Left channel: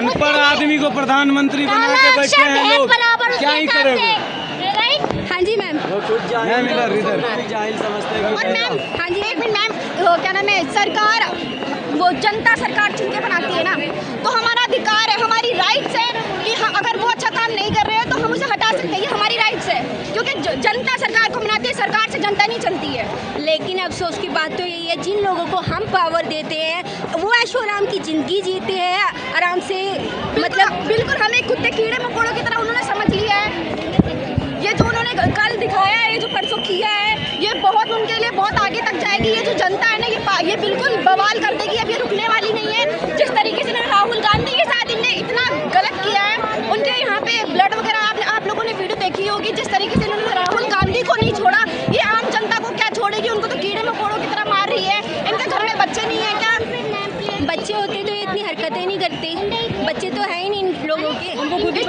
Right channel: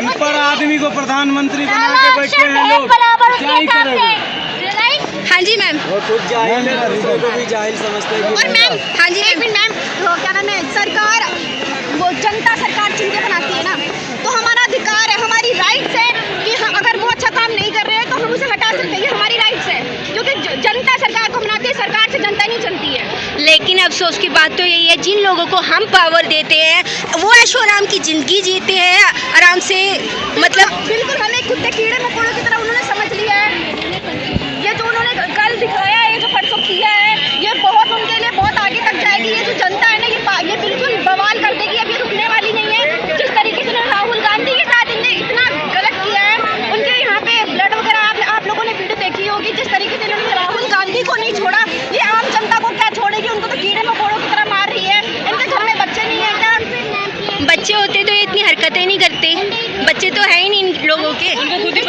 अनपढ़ आदमी को प्रधानमंत्री बना के बैठे हैं लोग, क्या ही करेंगे। हाँ जी मैम। और मैम हाँ जी मैम, वो क्या नाम है, सरकार वो जनता सरकार चुन के बनाती है ना, तो हमारा अधिकार है, हमारी राइट्स है कि अगर वो अच्छा काम नहीं कर रहे हैं तो हम उसे हटा सकते हैं, ये हमारी राइट्स है, क्योंकि जनता सरकार को बनाती है, सरकार से जनता नहीं चलती है। लेकिन अफसोस की बात तो यही है, जिन लोगों को हम पावर देते हैं वो ऐशो आराम की जिंदगी जीते हैं आराम से, मतलब बिल्कुल हमें कुत्ते कीड़े मकोड़ों की तरह उन्होंने समझ लिया है। ये जो उन्होंने कल दिखाया है, ये जो परसों किया है, ये बहुत उनके लिए बहुत आगे तक जाएगी। ये जो जनता है ना, ये बिल्कुल बवाल कर देगी, अब ये रुकने वाली नहीं है। जिस तरीके से राहुल गांधी के साथ इनने इतना गलत किया है, उनके यहाँ पे ब्लड वगैरह आप लोगों ने वीडियो देखी होगी, जिस तरीके से इन्होंने राहुल गांधी को नहीं छोड़ा, ये आम जनता को क्या छोड़ेगी, उनको तो कीड़े मकोड़ों की तरह मार रही है। इनके घर में बच्चे नहीं है क्या? बच्चे होते तो ये इतनी हरकतें नहीं करते, बच्चे तो है ही नहीं इन लोगों के,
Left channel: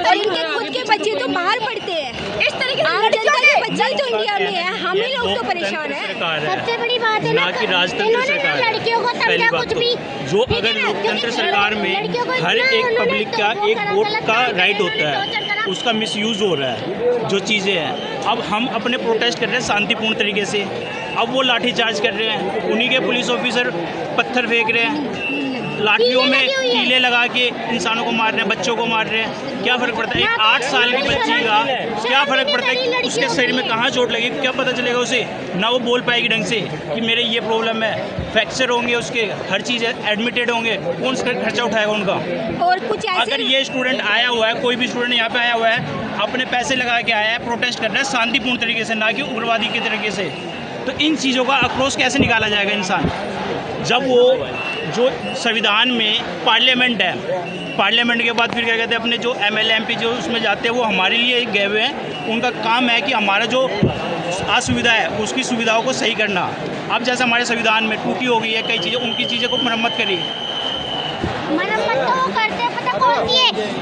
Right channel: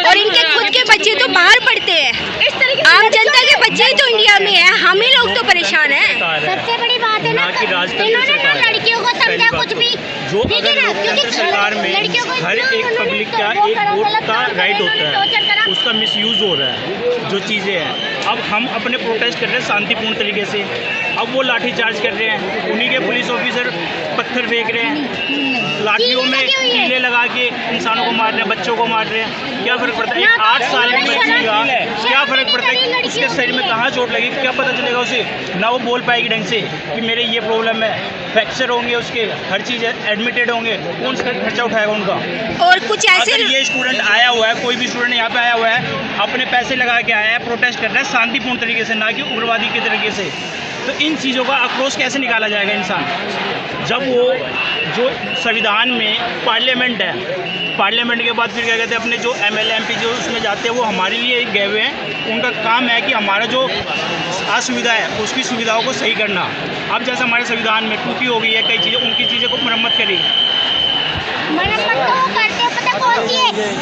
और इनके खुद के बच्चे तो बाहर पढ़ते हैं। इस तरीके आम जनता के बच्चे ही तो इंडिया में है, हम ही लोग तो परेशान हैं। सबसे बड़ी बात है ना कि राजतंत्र सरकार है। लड़कियों को पहली समझा कुछ भी जो अगर लोकतंत्र सरकार में हर एक पब्लिक का एक वोट का राइट होता है, उसका मिसयूज हो रहा है जो चीज़ें हैं। अब हम अपने प्रोटेस्ट कर रहे हैं शांतिपूर्ण तरीके से, अब वो लाठीचार्ज कर रहे हैं, उन्हीं के पुलिस ऑफिसर पत्थर फेंक रहे हैं, लाठियों में कीले लगा के इंसानों को मार रहे हैं, बच्चों को मार रहे हैं। क्या फ़र्क पड़ता है? एक 8 साल की बच्ची का क्या फ़र्क पड़ता है कि उसके शरीर में कहाँ चोट लगी, क्या पता चलेगा उसे? ना वो बोल पाएगी ढंग से कि मेरे ये प्रॉब्लम है, फ्रैक्चर होंगे उसके, हर चीज़ एडमिटेड होंगे, कौन सा खर्चा उठाएगा उनका? और कुछ ऐसे अगर ये स्टूडेंट आया हुआ है, कोई भी स्टूडेंट यहाँ पे आया हुआ है, अपने पैसे लगा के आया है, प्रोटेस्ट कर रहा है शांतिपूर्ण तरीके से, ना कि उग्रवादी के तरीके से, तो इन चीज़ों का आक्रोश कैसे निकाला जाएगा इंसान? जब वो जो संविधान में पार्लियामेंट है, पार्लियामेंट के बाद फिर क्या कहते हैं, अपने जो MLA MP जो उसमें जाते हैं वो हमारे लिए गए हुए हैं, उनका काम है कि हमारा जो असुविधा है उसकी सुविधाओं को सही करना। अब जैसे हमारे संविधान में टूटी हो गई है कई चीज़ें, उनकी चीज़ों को मरम्मत करी।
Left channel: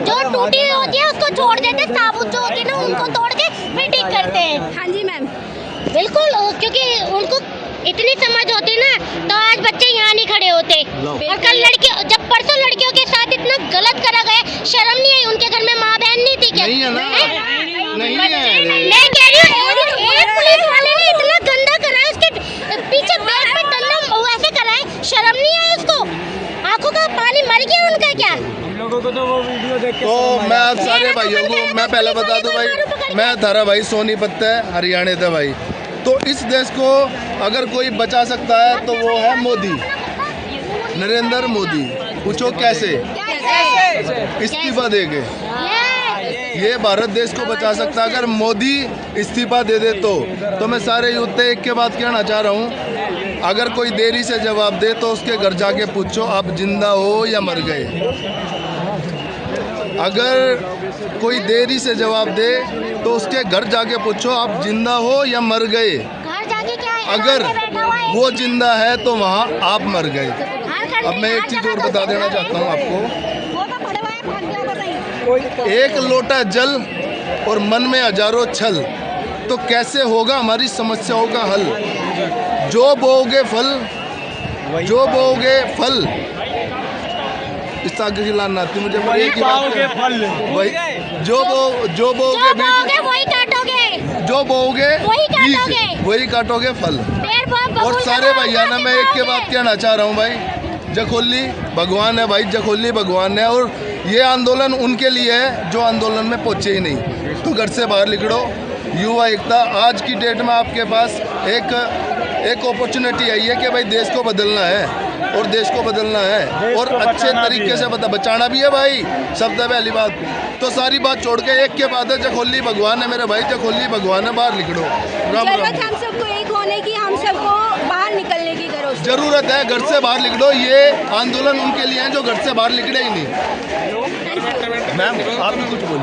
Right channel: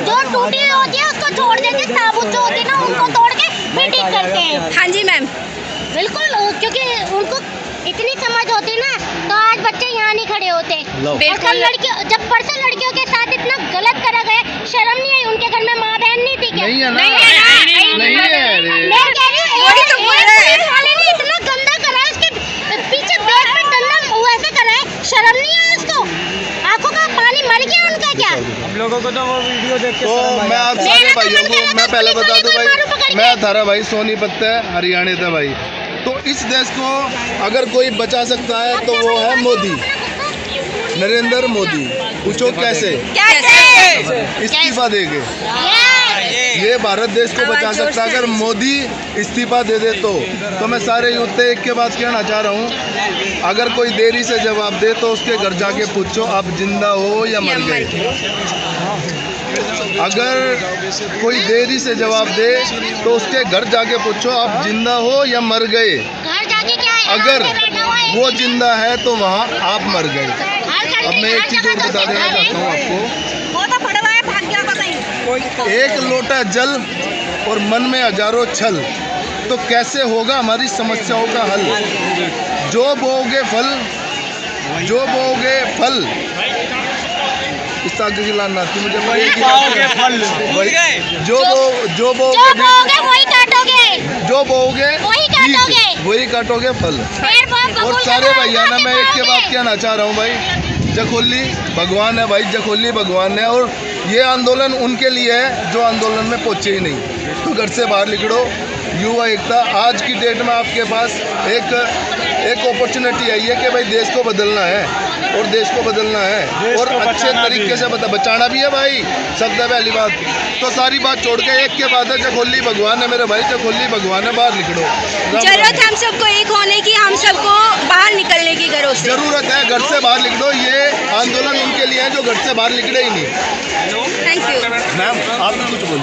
जो टूटी होती है उसको छोड़ देते, साबुत जो होते हैं ना उनको तोड़ के फिर ठीक करते हैं। हाँ जी मैम, बिल्कुल, क्योंकि उनको इतनी समझ होती ना तो आज बच्चे यहाँ नहीं खड़े होते। और कल लड़कियों, जब परसों लड़कियों के साथ इतना गलत करा गया, शर्म नहीं आई? उनके घर में माँ बहन नहीं थी क्या? नहीं है ना, नहीं है ना, नहीं है। मैं कह रही हूँ, वही तो बोल रहे हैं। पुलिस वाले ने इतना गंदा करा है, उसके पीछे बैग पे डंडा वैसे करा है, शर्म नहीं आई उसको? आंखों का पानी मर गया उनका क्या? हम लोगों को तो वो वीडियो देख के तो मैं आज सारे भाइयों को मैं पहले बता दूं भाई, मैं थारा भाई सोनीपत है, हरियाणा था भाई। तो इस देश को अगर कोई बचा सकता है तो वो है मोदी, नरेंद्र मोदी। पूछो कैसे? इस्तीफा देंगे, ये भारत देश को बचा सकता है अगर मोदी इस्तीफा दे दे तो मैं सारे युद्ध एक के बाद कहना चाह रहा हूँ, अगर कोई देरी से जवाब दे तो उसके घर जाके पूछो आप जिंदा हो या मर गए। अगर कोई देरी से जवाब दे तो उसके घर जाके पूछो आप जिंदा हो या मर गए। घर जाके क्या है? अगर वो जिंदा है तो वहाँ आप मर गए। अब मैं एक चीज़ और बता देना चाहता हूँ आपको, वो तो पड़वा है, भाग गया होगा कहीं। एक लोटा जल और मन में हजारों छल, तो कैसे होगा हमारी समस्याओं का हल? जो बोओगे फल, जो बोओगे फल, इस आगे की लान आती मुझे एक ही बात, जो बोओगे वही काटोगे, जो बोओगे वही काटोगे, वही काटोगे फल। और सारे भैया ना मैं एक के बाद कहना चाह रहा हूँ भाई, जखोली भगवान है भाई, जखोली भगवान है, और ये आंदोलन उनके लिए है जो आंदोलन में पहुँचे ही नहीं। तो घर से बाहर निकलो, युवा एकता। आज की डेट में आपके पास एक अपॉर्चुनिटी आई है कि भाई देश को बदलना है, और देश को बदलना है और अच्छे तरीके से बचाना भी है भाई, सबसे पहली बात। तो सारी बात छोड़ के एक के बाद है, जखोली भगवान है मेरे भाई, जखोली भगवान है, बाहर निकलो। जरूरत हम सबको एक होने की, हम सबको बाहर निकलने की घरों से जरूरत है, घर से बाहर निकलो। ये आंदोलन उनके लिए है जो घर से बाहर निकले ही नहीं। थैंक यू मैम आप भी कुछ बोलिए।